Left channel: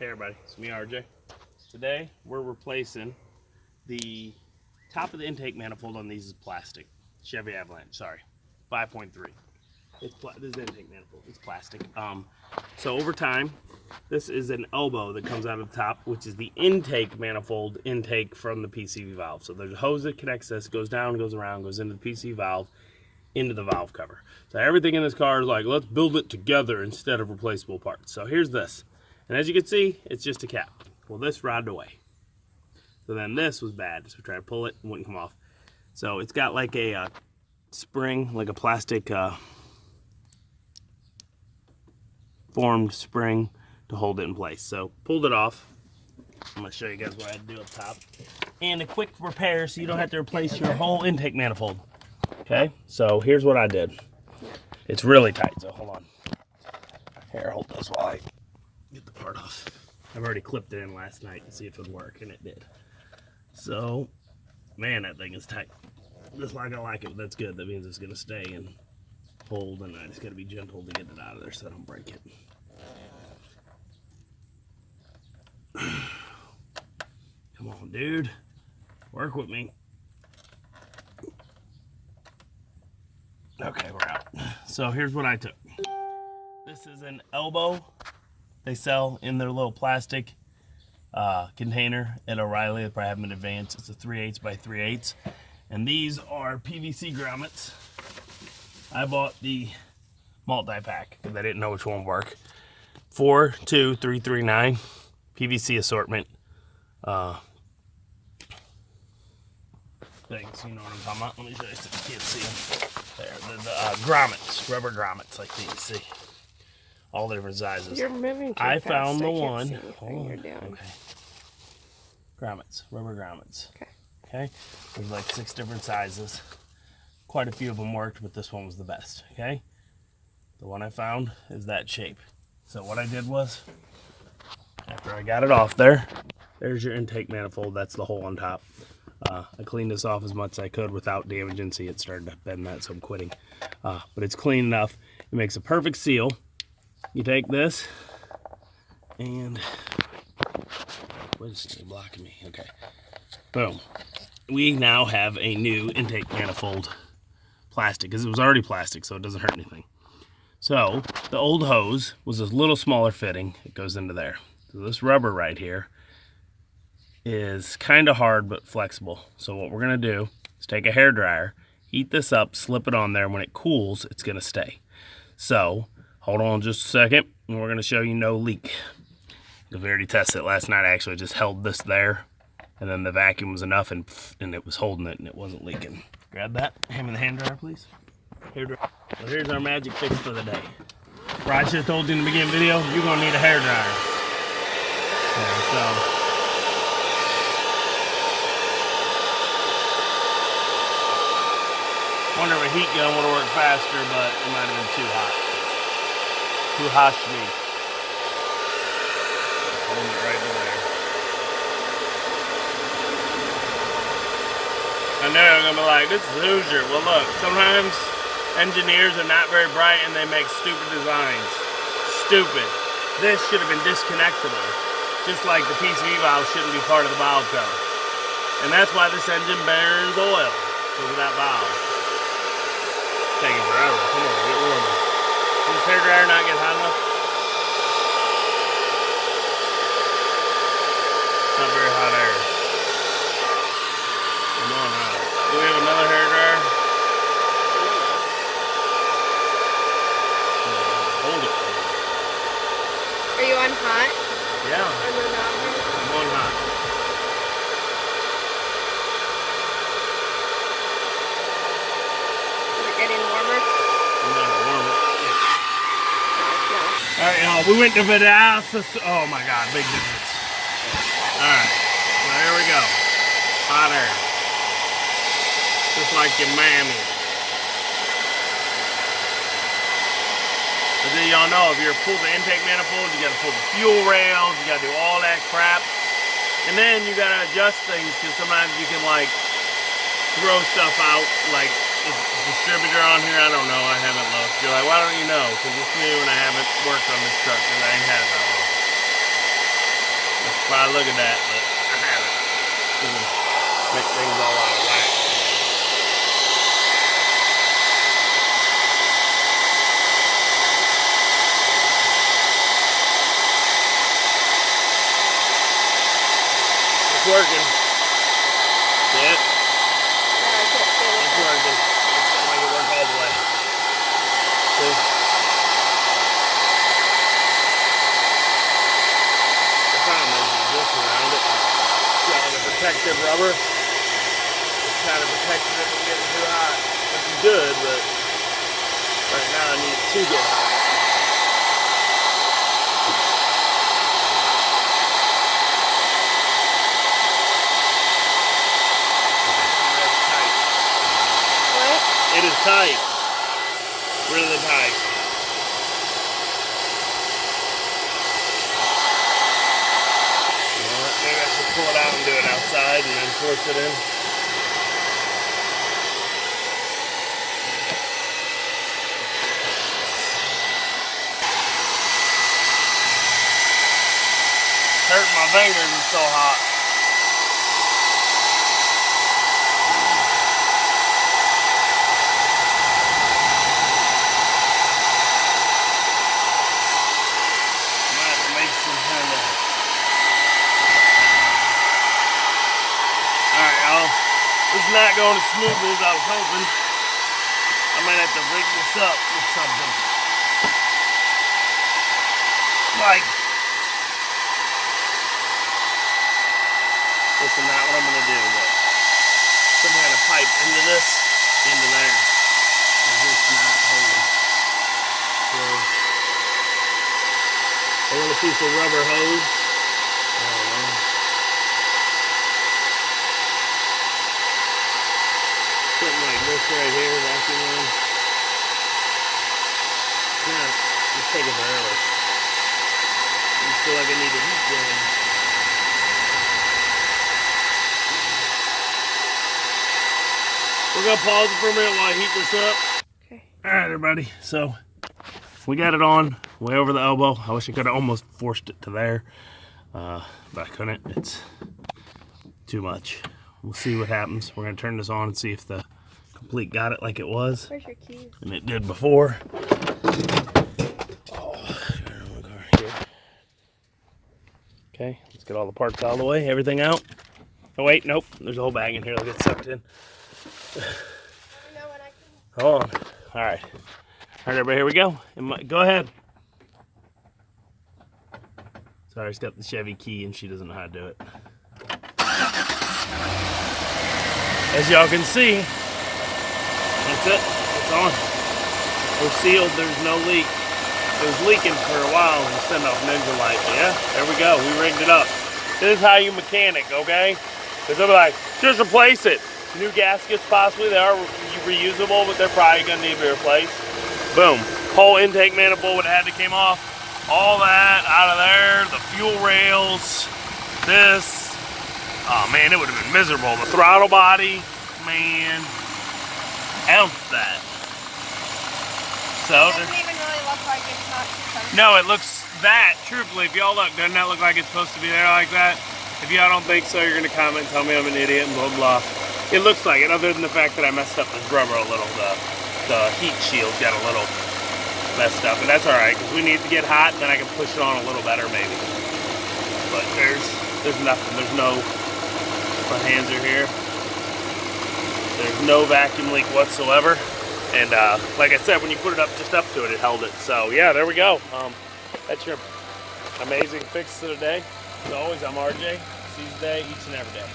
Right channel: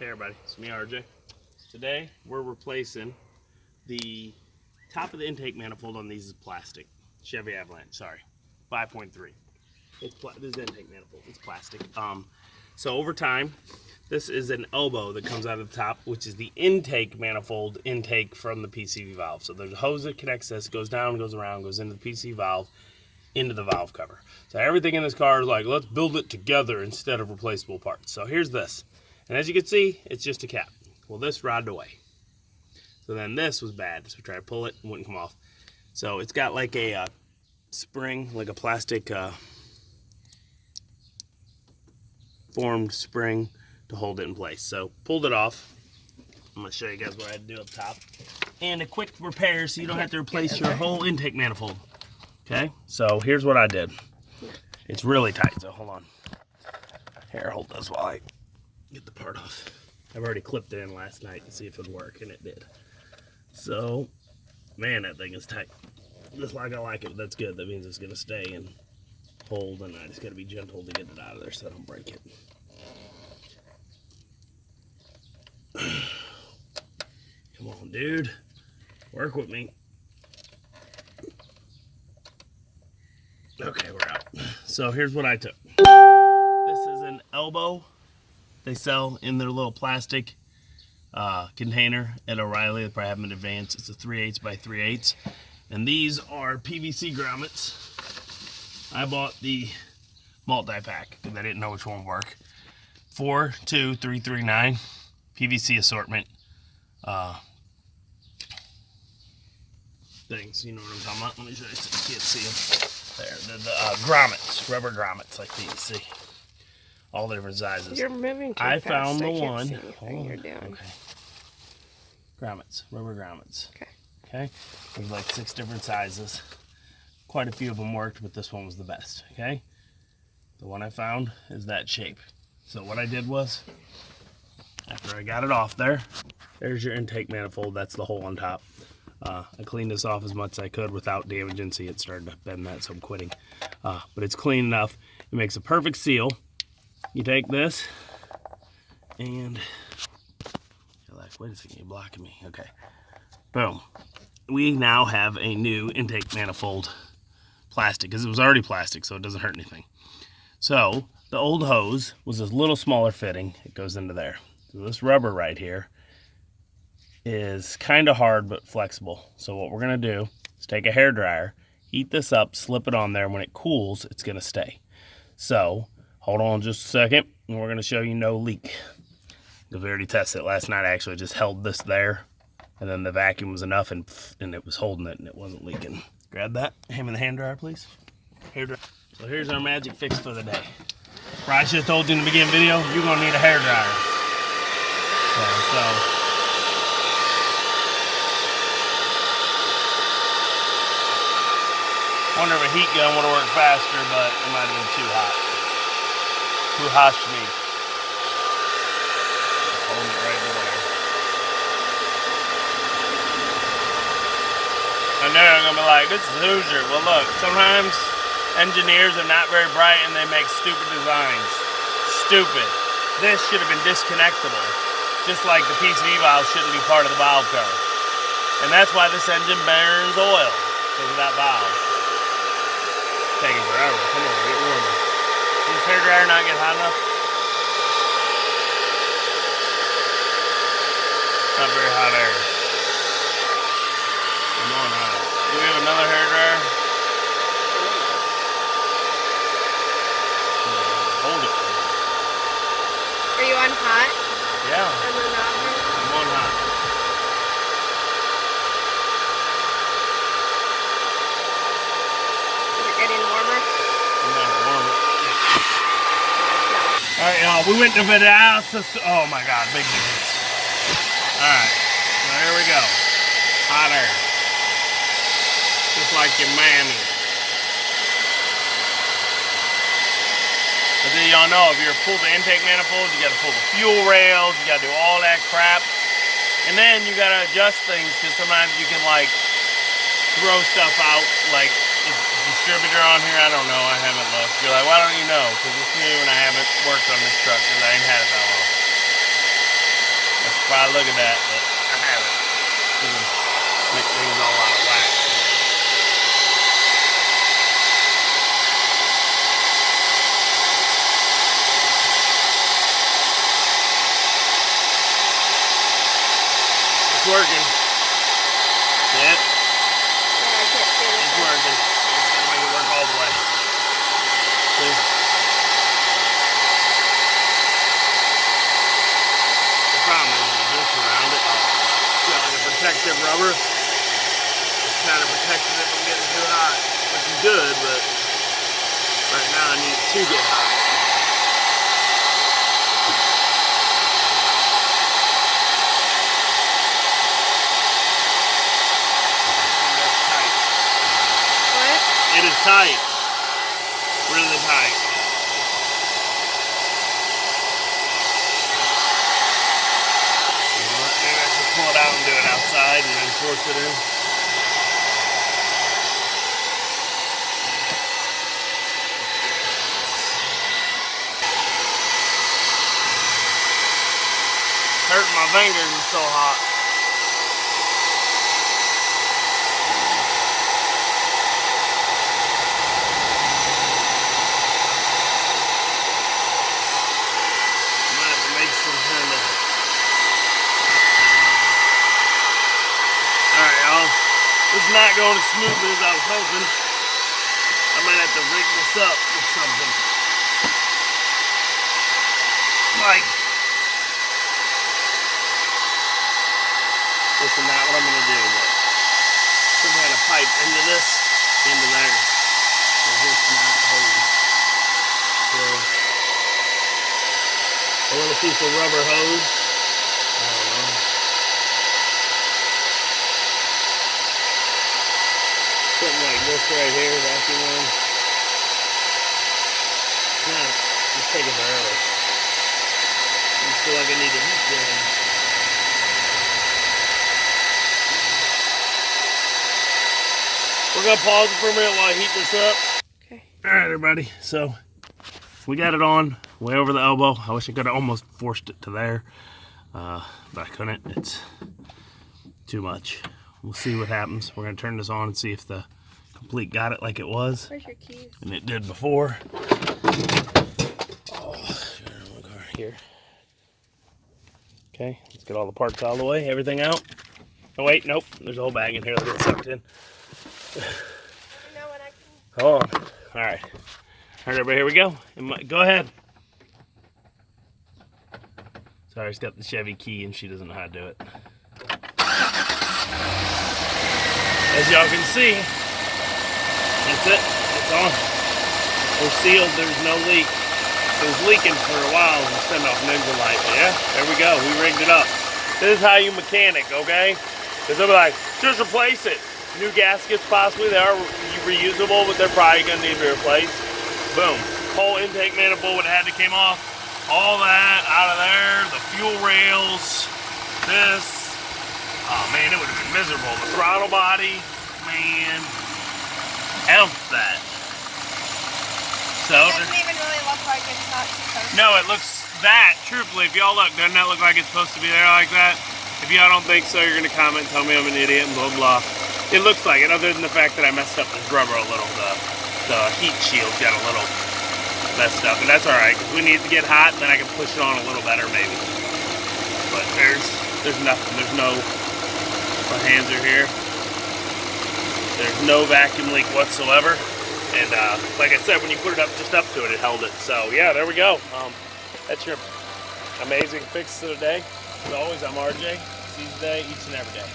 Hey everybody, it's me RJ. Today we're replacing the top of the intake manifold on these is plastic. Chevy Avalanche, sorry, 5.3. This is intake manifold, it's plastic. So over time, this is an elbow that comes out of the top, which is the intake manifold intake from the PCV valve. So there's a hose that connects this, goes down, goes around, goes into the PCV valve, into the valve cover. So everything in this car is like, let's build it together instead of replaceable parts. So here's this. And as you can see, it's just a cap. Well, this rotted away. So then this was bad. So we tried to pull it, wouldn't come off. So it's got like a spring, like a plastic formed spring to hold it in place. So pulled it off. I'm gonna show you guys what I had to do up top. And a quick repair so you don't have to replace your whole intake manifold. Okay, so here's what I did. It's really tight, so hold on. Here, hold this while I get the part off. I've already clipped it in last night to see if it would work, and it did. So, man, that thing is tight. Just like I like it, but that's good. That means it's gonna stay and hold, and I just gotta be gentle to get it out of there so I don't break it. Come on, dude. Work with me. Okay, we're out. So here's what I took. This is an elbow they sell in their little plastic container at O'Reilly. They probably have them in advance. It's a 3/8 by 3/8. And these are PVC grommets. I bought the multi-pack because I didn't know which one would work. 42339 PVC assortment things. You know what I'm talking about. Let me show you so you can't see them. There, the grommets, rubber grommets like these. See? All the different sizes. You're moving too I fast. found the I can't one. see anything you're doing. Okay. Grommets, rubber grommets. Okay. Okay. There's like 6 different sizes. Quite a few of them worked, but this one was the best. Okay. The one I found is that shape. So what I did was, after I got it off there, there's your intake manifold. That's the hole on top. I cleaned this off as much as I could without damaging. See, it started to bend that, so I'm quitting. But it's clean enough. It makes a perfect seal. You take this and wait a second, you're blocking me. Okay. Boom. We now have a new intake manifold plastic because it was already plastic, so it doesn't hurt anything. So the old hose was this little smaller fitting. It goes into there. So this rubber right here is kind of hard but flexible. So what we're gonna do is take a hairdryer, heat this up, slip it on there, and when it cools, it's gonna stay. So hold on just a second, and we're gonna show you no leak. We already tested it last night. I actually just held this there, and then the vacuum was enough, and it was holding it, and it wasn't leaking. Grab that. Hand me the hand dryer, please. Hairdryer. So here's our magic fix for the day. Right, I should have told you in the beginning video, you're gonna need a hairdryer. Yeah, so. Wonder if a heat gun would have went faster, but it might have been too hot. Too hot to me. Hold it right there. I know I'm gonna be like, this is loser. Well, look, sometimes engineers are not very bright and they make stupid designs. Stupid. This should have been disconnectable. Just like the PCV valve shouldn't be part of the valve cover. And that's why this engine burns oil, because of that valve. Come on, get warm. Does this hairdryer not get hot enough? Not very hot air. Come on, do we have another hairdryer? Hold it. Are you on hot? Yeah. And then I'm on hot. Getting warmer? No, warmer. Alright, y'all, we went to the house. Oh my god, big hits. Alright, well, here we go. Hot air. Just like your mammy. But then y'all know, if you're pull the intake manifold, you gotta pull the fuel rails, you gotta do all that crap. And then you gotta adjust things, because sometimes you can like throw stuff out, like distributor on here, I don't know, I haven't looked. You're like, why don't you know? Because it's me when I haven't worked on this truck, because I ain't had it all. Wow, look at that. Make things all out of whack. It's working. See it? It's working. It's gonna make it work all the way. See? The problem is this around it. Getting the protective rubber. It's kind of protecting it from getting too hot. Which is good, but right now I need it to get hot. It is tight. Really tight. Maybe I should pull it out and do it outside and then force it in. Hurting my fingers, it's so hot. It's not going as smoothly as I was hoping. I might have to rig this up with something. Like, this is not what I'm going to do, but some kind of pipe into this, into there. Because it's not holding. So, a little piece of rubber hose. I don't know. Something like this right here, vacuum in. Now, just take it oil. I just feel like I need a heat gun. We're gonna pause it for a minute while I heat this up. Okay. Alright, everybody, so we got it on way over the elbow. I wish I could have almost forced it to there, but I couldn't. It's too much. We'll see what happens. We're gonna turn this on and see if the complete got it like it was. Where's your keys? And it did before. Oh, here. Okay, let's get all the parts out of the way. Everything out. Oh wait, nope. There's a whole bag in here. I'll get sucked in. Hold on. All right. All right, everybody. Here we go. Go ahead. Sorry, it's got the Chevy key and she doesn't know how to do it. As y'all can see, that's it. It's on. We're sealed. There's no leak. It was leaking for a while and sent off ninja light. But yeah, there we go. We rigged it up. This is how you mechanic, okay? Because they'll be like, just replace it. New gaskets possibly. They are reusable, but they're probably going to need to be replaced. Boom. Whole intake manifold would have had to came off. All that out of there. The fuel rails. This. Oh man, it would have been miserable. The throttle body, man, ounce that. So, It doesn't even really look like it's not supposed to. no, it looks that, truthfully, if y'all look, doesn't that look like it's supposed to be there like that? If y'all don't think so, you're going to comment, tell me I'm an idiot, and blah, blah. It looks like it, other than the fact that I messed up this rubber a little. The heat shield got a little messed up, but that's alright, because we need to get hot, then I can push it on a little better, maybe. But there's nothing, there's no... My hands are here. There's no vacuum leak whatsoever. And like I said, when you put it up just up to it, it held it. So yeah, there we go. That's your amazing fix of the day. As always, I'm RJ. See you today, each and every day.